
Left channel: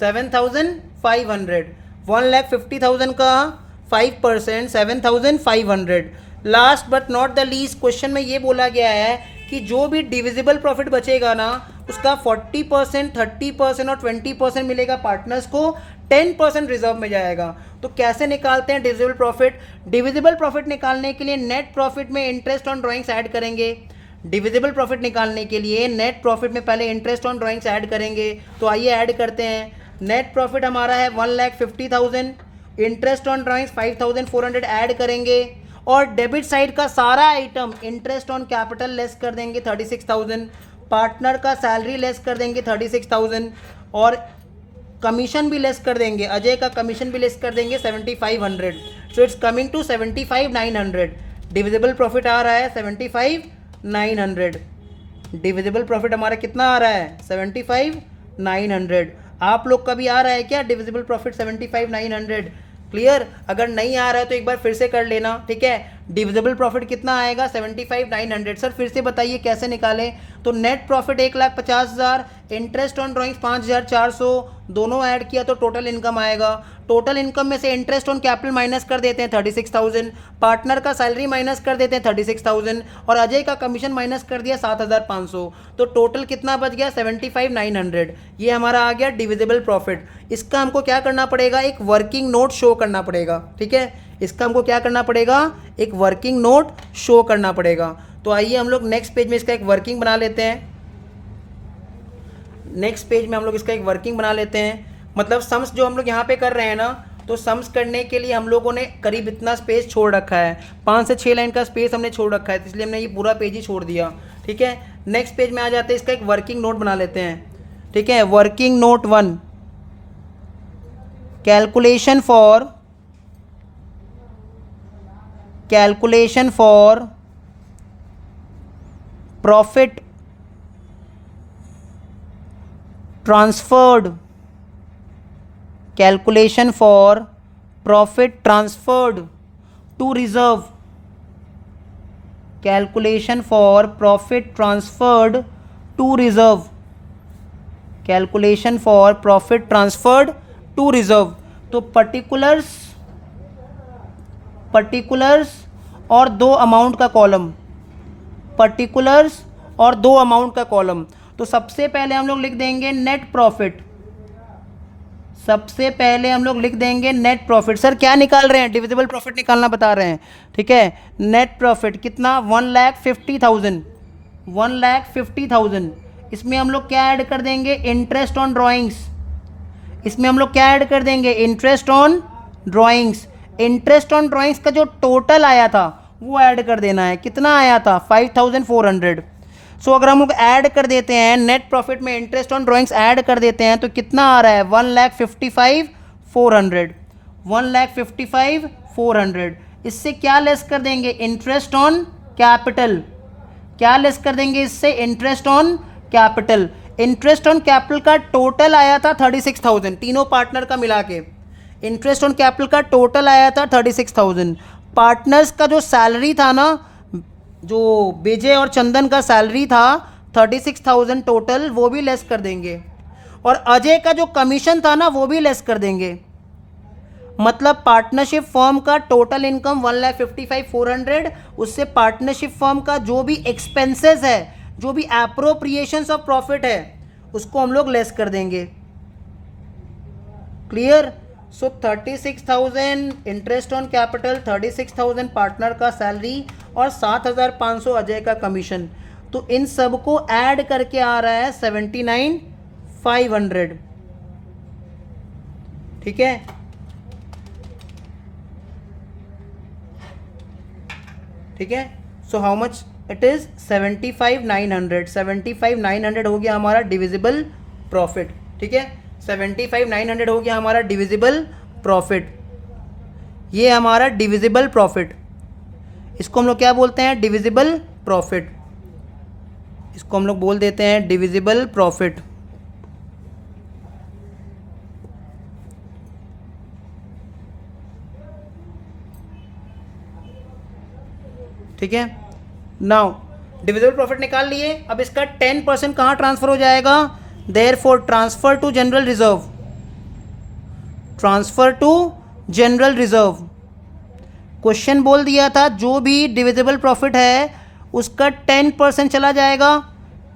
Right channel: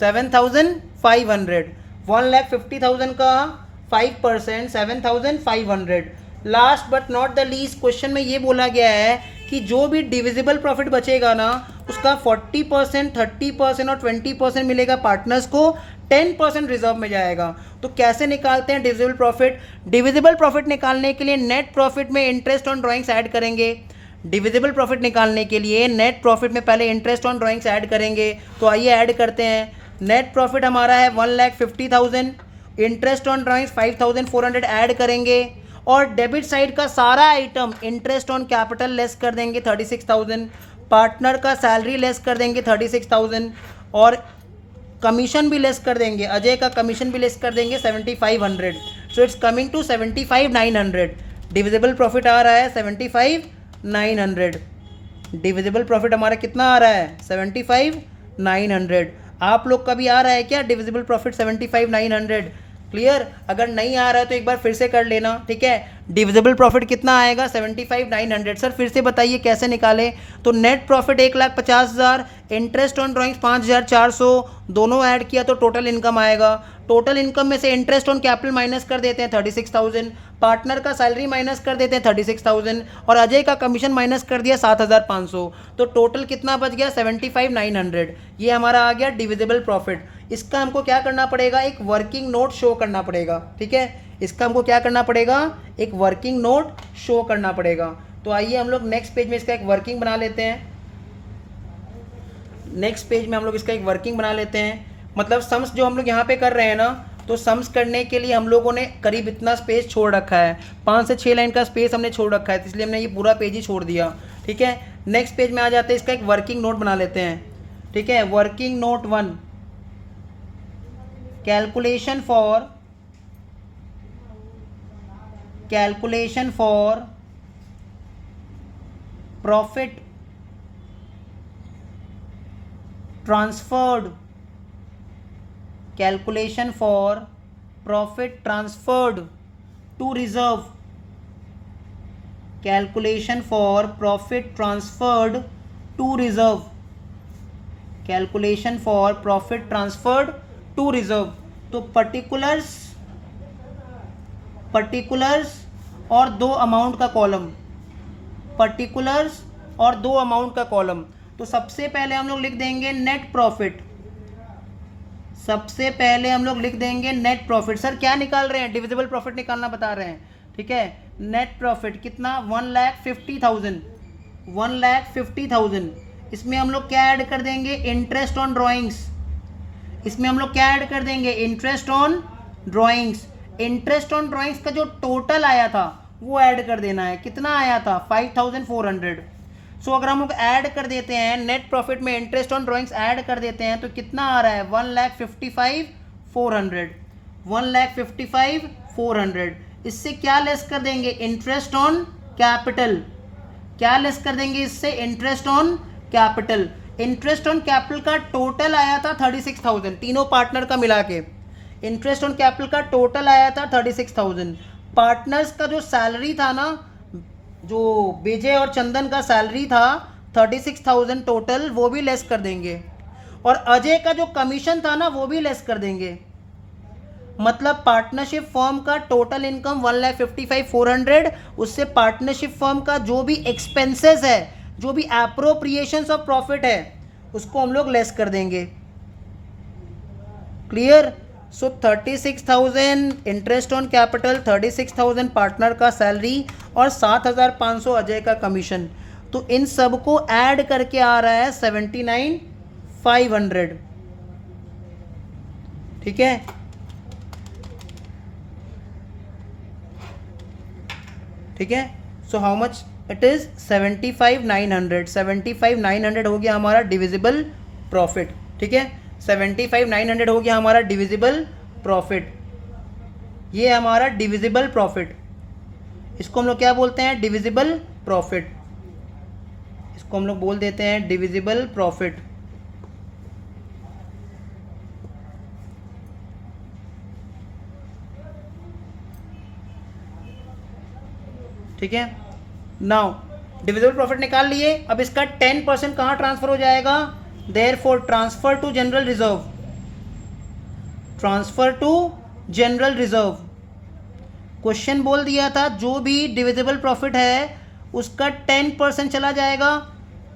7,500। 1,50,000 का 5%, 7,500। Last but not the least, question में ये बोला गया है कि जो भी डिविजिबल प्रॉफिट बचेगा ना, उसका 40%, 30% और 20% मिलेगा पार्टनर्स को, 10% रिजर्व में जाएगा। तो कैसे निकालते हैं डिविजिबल प्रॉफिट? डिविजिबल प्रॉफिट निकालने के लिए नेट प्रॉफिट में इंटरेस्ट ऑन ड्राइंग्स ऐड करेंगे। डिविजिबल प्रॉफिट निकालने के लिए नेट प्रॉफिट में पहले इंटरेस्ट ऑन ड्राइंग्स ऐड करेंगे। तो आइए ऐड करते हैं। नेट प्रॉफिट हमारा है 1,50,000, इंटरेस्ट ऑन ड्राइंग्स 5,400 ऐड करेंगे, और डेबिट साइड का सारा item interest on capital less कर देंगे 36,000, पार्टनर का सैलरी लेस कर देंगे 36,000, और कमीशन भी लेस कर देंगे, अजय का कमीशन भी लेस कर देंगे 7,500। So it's coming to 75,900। Divisible profit आ रहा है 75,900। डिविजिबल प्रॉफिट हमारा कितना आ रहा है? 75,900। आप लोग का भी आ रहा है क्या डिविजिबल प्रॉफिट 75,900? क्लियर? अगर नहीं आ रहा है तो एक बार फिर से कर लेना, ठीक है। डिविजिबल प्रॉफिट कितना आएगा? 75,900। सर फिर से बताइए कैसे निकालें? तो net profit 1,50,000, interest on drawings 5,400, दोनों ऐड किया तो टोटल इनकम आएगा। टोटल इनकम में से इंटरेस्ट ऑन कैपिटल माइनस कर देते हैं 36,000, पार्टनर का सैलरी माइनस कर देते हैं 36,000, और अजय का कमीशन माइनस कर दिया 7,500। तो टोटल कितना बच गया? 75,900। ये हमारा आ गया डिविजिबल प्रॉफिट। इसका हमको क्या करना पड़ेगा? एक वर्किंग नोट शो करना पड़ेगा, ठीक है। इसका हमको क्या करना पड़ेगा? एक वर्किंग नोट शो करना पड़ेगा। तो आइए हम लोग नेक्स्ट पेज में इसका एक वर्किंग बना लेते हैं। नेक्स्ट पेज में हम लोग इसका एक वर्किंग बना लेते हैं। मतलब सम्स जो हम लोग यहाँ पे कर रहे हैं ना, तो सम्स करने के लिए हम लोगों ने करीब इतना स्पेस छोड़ रखा है, 5 से 6 लाइन का स्पेस हमने छोड़ रखा है, तो इसलिए हमने ये पूरा पेज ही छोड़ दिया, ठीक है। नेक्स्ट पेज में आ जाते हैं, इसका एक वर्किंग नोट बना लेते हैं, ठीक है। Working note 1, calculation for profit transferred, calculation for profit transferred to reserve, calculation for profit transferred to reserve, calculation for profit transferred to reserve. तो पर्टिकुलर्स और 2 अमाउंट का कॉलम, पर्टिकुलर्स और 2 अमाउंट का कॉलम। तो सबसे पहले हम लोग लिख देंगे नेट प्रॉफिट, सबसे पहले हम लोग लिख देंगे नेट प्रॉफिट। सर क्या निकाल रहे हैं? डिविजिबल प्रॉफिट निकालना बता रहे हैं, ठीक है। नेट प्रॉफिट कितना? 1,50,000, 1,50,000। इसमें हम लोग क्या ऐड कर देंगे? Interest on drawings. इसमें हम लोग क्या ऐड कर देंगे? Interest on drawings. Interest on drawings का जो टोटल आया था वो ऐड कर देना है। कितना आया था? 5,400। सो अगर हम लोग ऐड कर देते हैं, नेट प्रॉफिट में इंटरेस्ट ऑन ड्राइंग्स ऐड कर देते हैं, तो कितना आ रहा है? 1,55,400, 1,55,400। इससे क्या लेस कर देंगे? Interest on capital. क्या लेस कर देंगे इससे? Interest on capital. Interest on capital का टोटल आया था 36,000, तीनों पार्टनर का मिला के इंटरेस्ट ऑन कैपिटल का टोटल आया था 36,000। पार्टनर्स का जो सैलरी था ना, जो विजय और चंदन का सैलरी था 36,000 टोटल, वो भी लेस कर देंगे, और अजय का जो कमीशन था ना वो भी लेस कर देंगे। मतलब पार्टनरशिप फर्म का टोटल इनकम 1,55,400, उससे पार्टनरशिप फर्म का जो भी एक्सपेंसेस है, जो भी एप्रोप्रिएशंस ऑफ प्रॉफिट है, उसको हम लोग लेस कर देंगे। Clear? So 36,000 interest on capital, 36,000 partner का सैलरी, और 7,500 अजय का कमीशन। तो इन सब को ऐड करके आ रहा है 79,500, ठीक है। ठीक है। So how much it is? 75,900। 75,900 हो गया हमारा डिविजिबल प्रॉफिट, ठीक है। 75,900 हो गया हमारा डिविजिबल प्रॉफिट। ये हमारा डिविजिबल प्रॉफिट, इसको हम लोग क्या बोलते हैं? Divisible profit. इसको हम लोग बोल देते हैं डिविजिबल प्रॉफिट, ठीक है। नाउ डिविजिबल प्रॉफिट निकाल लिए, अब इसका 10% कहाँ ट्रांसफर हो जाएगा, therefore transfer to general reserve, transfer to general reserve. Question बोल दिया था जो भी डिविजिबल प्रॉफिट है उसका 10% चला जाएगा,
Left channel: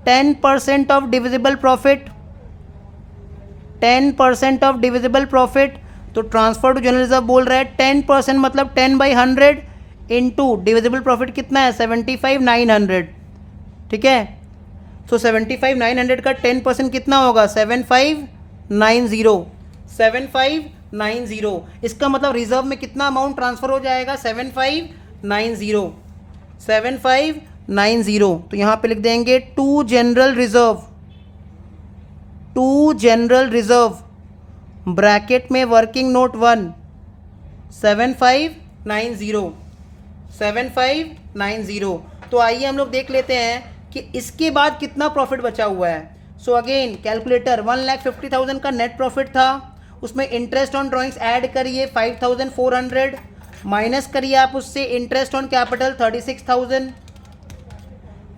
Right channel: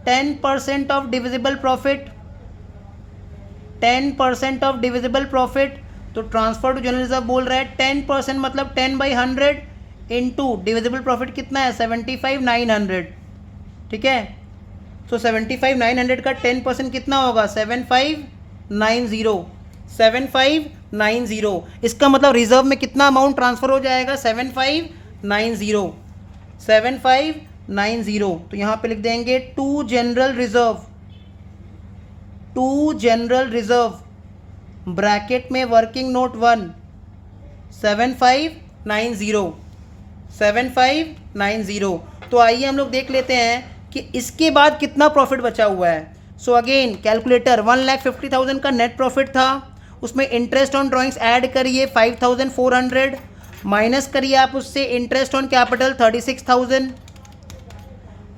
10% of divisible profit, 10% of divisible profit, तो ट्रांसफर टू जनरल रिजर्व बोल रहा है 10% मतलब 10/100 इंटू डिविजिबल प्रॉफिट कितना है 75,900, ठीक है। सो 75,900 का 10% कितना होगा 7590, 7590। इसका मतलब रिजर्व में कितना अमाउंट ट्रांसफर हो जाएगा 7590, 7590। तो यहाँ पे लिख देंगे to general reserve, to general reserve bracket में वर्किंग नोट 1 7590, 7590। तो आइए हम लोग देख लेते हैं कि इसके बाद कितना प्रॉफिट बचा हुआ है। सो अगेन कैलकुलेटर 1,50,000 का नेट प्रॉफिट था, उसमें इंटरेस्ट ऑन ड्राइंग्स ऐड करिए 5,400, माइनस करिए आप उससे इंटरेस्ट ऑन कैपिटल 36,000,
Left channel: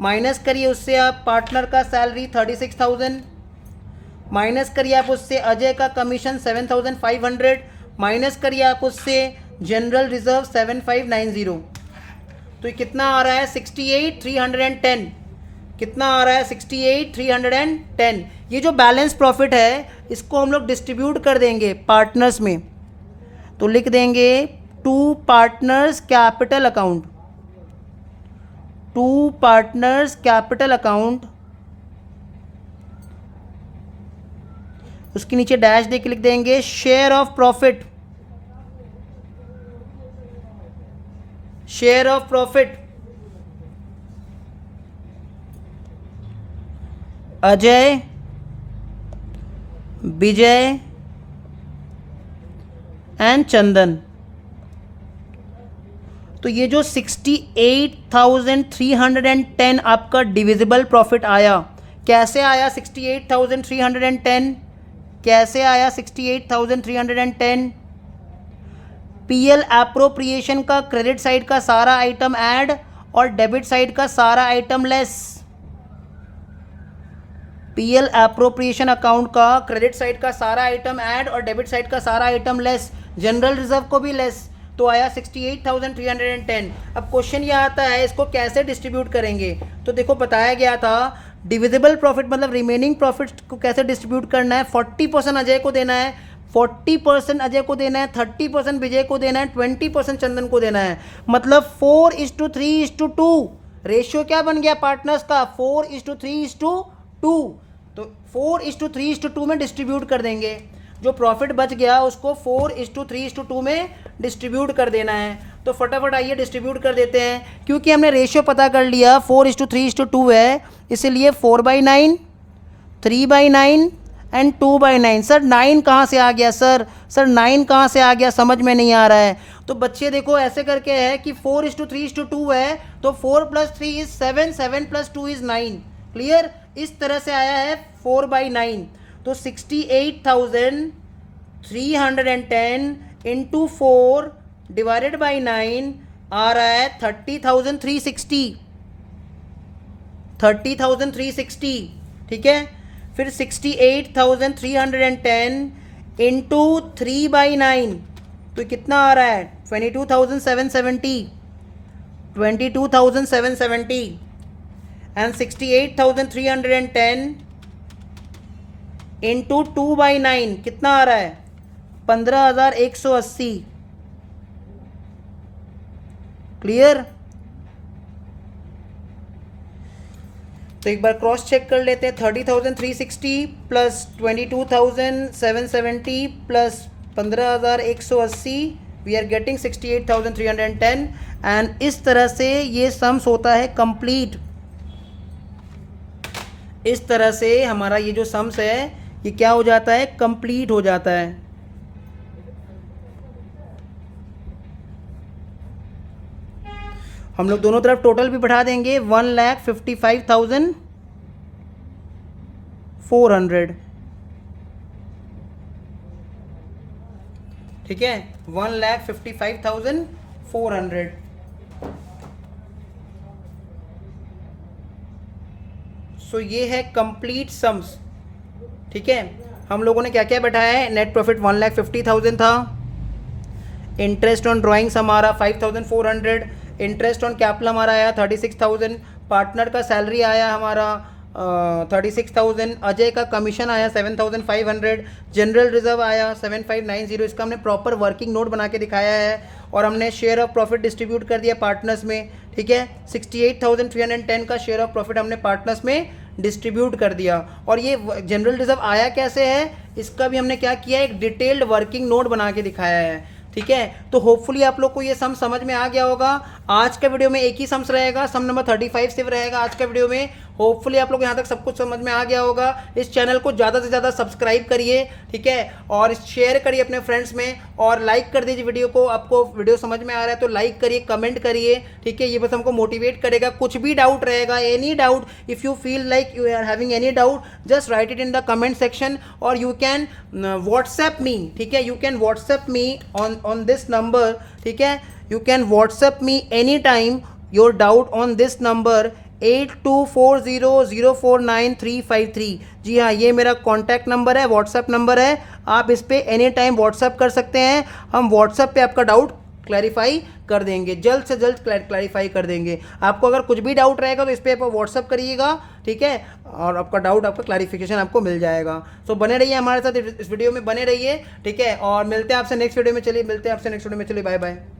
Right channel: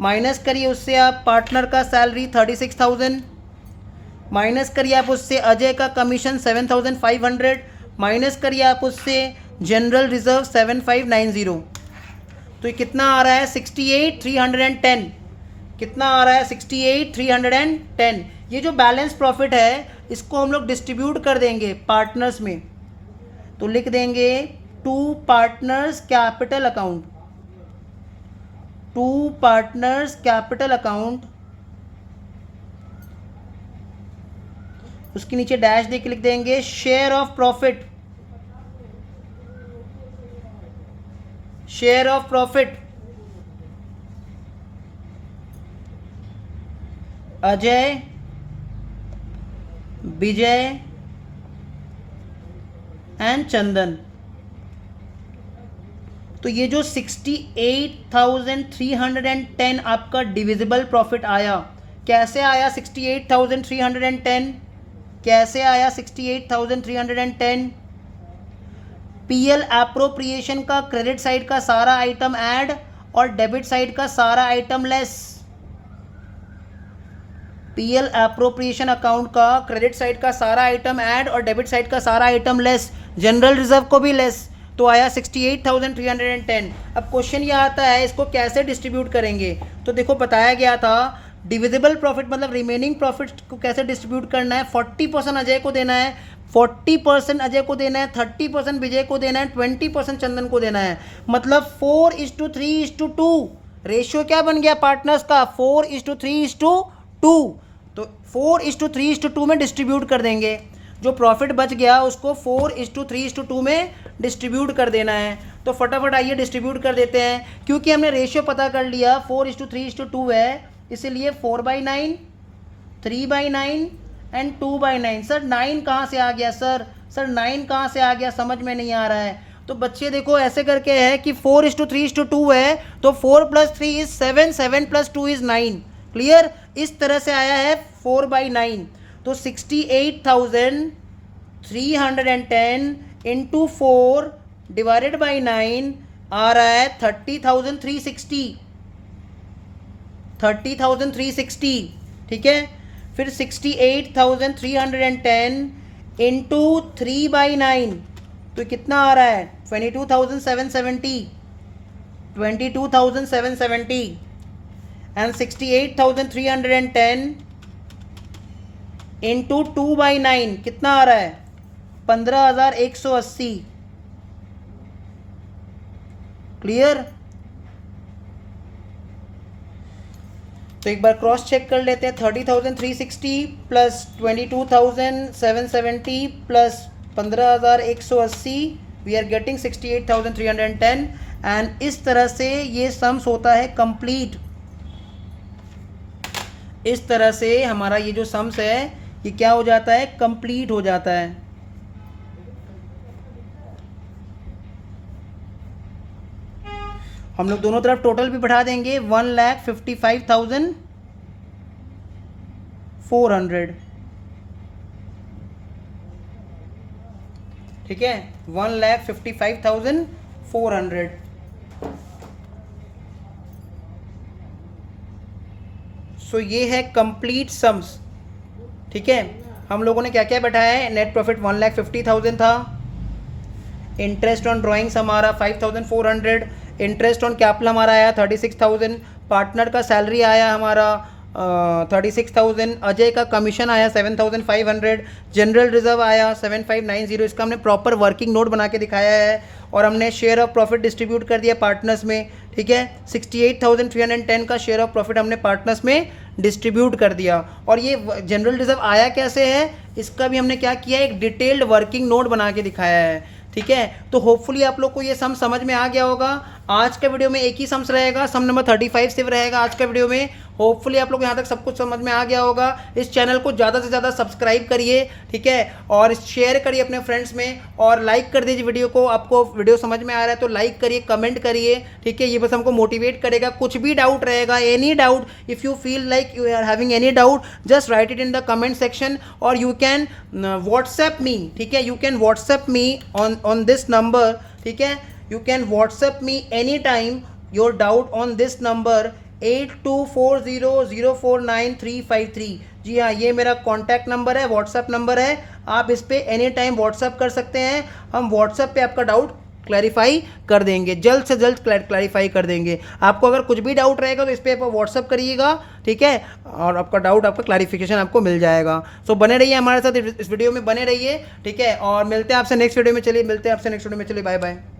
माइनस करिए उससे आप पार्टनर का सैलरी 36,000, माइनस करिए आप उससे अजय का कमीशन 7,500, माइनस करिए आप उससे जनरल रिजर्व 7590। तो ये कितना आ रहा है 68,310, कितना आ रहा है 68,310। ये जो बैलेंस प्रॉफिट है इसको हम लोग डिस्ट्रीब्यूट कर देंगे पार्टनर्स में, तो लिख देंगे to partners capital account, to partners capital account, उसके नीचे डैश दे के लिख देंगे share of profit, share of profit Ajay, Vijay and Chandan. तो ये जो 68,310 आपका डिविजिबल प्रॉफिट आया, कैसे आया 68,310, कैसे आया 68,310, पीएल एप्रोप्रिएशन का क्रेडिट साइड का सारा आइटम ऐड और डेबिट साइड का सारा item less, PL appropriation account का क्रेडिट साइड का सारा आइटम ऐड और डेबिट साइड का सारा आइटम लेस, जनरल रिजर्व को भी लेस, तो आया 68,310। अब क्वेश्चन ये आता है इसको कैसे डिस्ट्रीब्यूट करेंगे। तो देखो बताया गया था डिविजिबल प्रॉफिट मतलब रिमेनिंग प्रॉफिट को कैसे डिस्ट्रीब्यूट करना है, 40% अजय को देना है, 40% अजय को देना है, 30% विजय को देना है, 20% चंदन को देना है। मतलब 4:3:2 रेशियो क्या बन गया पार्टनर्स का 4:3:2। तो 4:3:2 में डिस्ट्रीब्यूट कर देंगे, जो प्रॉफिट बच गया उसको 4:3:2 में डिस्ट्रीब्यूट कर देना है। तो फटाफट आइए डिस्ट्रीब्यूट कर देते हैं, क्योंकि हमने रेशियो पता कर लिया 4:3:2 है, इसलिए 4/9, 3/9 एंड 2/9। सर 9 कहाँ से आ गया, सर 9 कहाँ से आ गया, समझ में नहीं आ रहा है। तो बच्चे देखो ऐसे करके है कि 4:3:2 है, तो 4 + 3 = 7, 7 + 2 = 9। क्लियर, इस तरह से आया है 4/9। तो 68,310 इंटू 4 डिवाइडेड बाई 9 आ रहा है 30,360, 30,360, ठीक है। फिर 68,310 इंटू 3/9 तो कितना आ रहा है 22,770, 22,770 एंड 68,310 इंटू 2/9 कितना आ रहा है 15,180। क्लियर। तो एक बार क्रॉस चेक कर लेते हैं, 30,360 plus 22,770 plus 15,180 we are getting 68,310 and इस तरह से ये सम्स होता है कंप्लीट। इस तरह से हमारा ये जो सम्स है ये क्या हो जाता है, कंप्लीट हो जाता है। हम लोग दोनों तरफ टोटल भी बढ़ा देंगे 1,55,400, ठीक है 1,55,400। सो ये है कंप्लीट सम्स, ठीक है। हम लोगों ने क्या क्या बैठाया है, नेट प्रॉफिट 1,50,000 था, इंटरेस्ट ऑन ड्राइंग्स हमारा 5,400, इंटरेस्ट ऑन कैपिटल हमारा आया 36,000, पार्टनर का सैलरी आया हमारा 36,000, अजय का कमीशन आया 7,500, जनरल रिजर्व आया 7,590। इसका हमने प्रॉपर वर्किंग नोट बना के दिखाया है और हमने शेयर ऑफ प्रॉफिट डिस्ट्रीब्यूट कर दिया पार्टनर्स में, ठीक है। 68,310 का शेयर ऑफ प्रॉफिट हमने पार्टनर्स में डिस्ट्रीब्यूट कर दिया। और ये जनरल रिजर्व आया कैसे है, इसका भी हमने क्या किया है, एक डिटेल्ड वर्किंग नोट बना के दिखाया है, ठीक है। तो होपफुली आप लोग को ये सम समझ में आ गया होगा। आज का वीडियो में एक ही सम्स रहेगा, सम नंबर 35 सिर्फ रहेगा आज का वीडियो में। होपफुली आप लोग यहाँ तक सब कुछ समझ में आ गया होगा। इस चैनल को ज़्यादा से ज़्यादा सब्सक्राइब करिए, ठीक है, और शेयर करिए अपने फ्रेंड्स में, और लाइक कर दीजिए वीडियो को। आपको वीडियो समझ में आ रहा है तो लाइक करिए, कमेंट करिए, ठीक है। ये बस हमको मोटिवेट करेगा। कुछ भी डाउट रहेगा, any doubt, if you feel like you are having any doubt, just write it in the comment section, और यू कैन व्हाट्सएप मी, ठीक है। You can WhatsApp me on this number, ठीक है। You can WhatsApp me any time your doubt on this number 8240049353। जी हाँ, ये मेरा contact number है, व्हाट्सएप नंबर है। आप इस पर एनी टाइम व्हाट्सएप कर सकते हैं। हम व्हाट्सएप पे आपका डाउट क्लैरिफाई कर देंगे, जल्द से जल्द क्लैरिफाई कर देंगे। आपको अगर कुछ भी डाउट रहेगा तो इस पर आप व्हाट्सएप करिएगा, ठीक है, और आपका डाउट, आपका क्लैरिफिकेशन आपको मिल जाएगा। सो बने रहिए हमारे साथ, इस वीडियो में बने रहिए, ठीक है। और मिलते हैं आपसे नेक्स्ट वीडियो में। चलिए, मिलते हैं आपसे नेक्स्ट वीडियो में। चलिए, बाय बाय।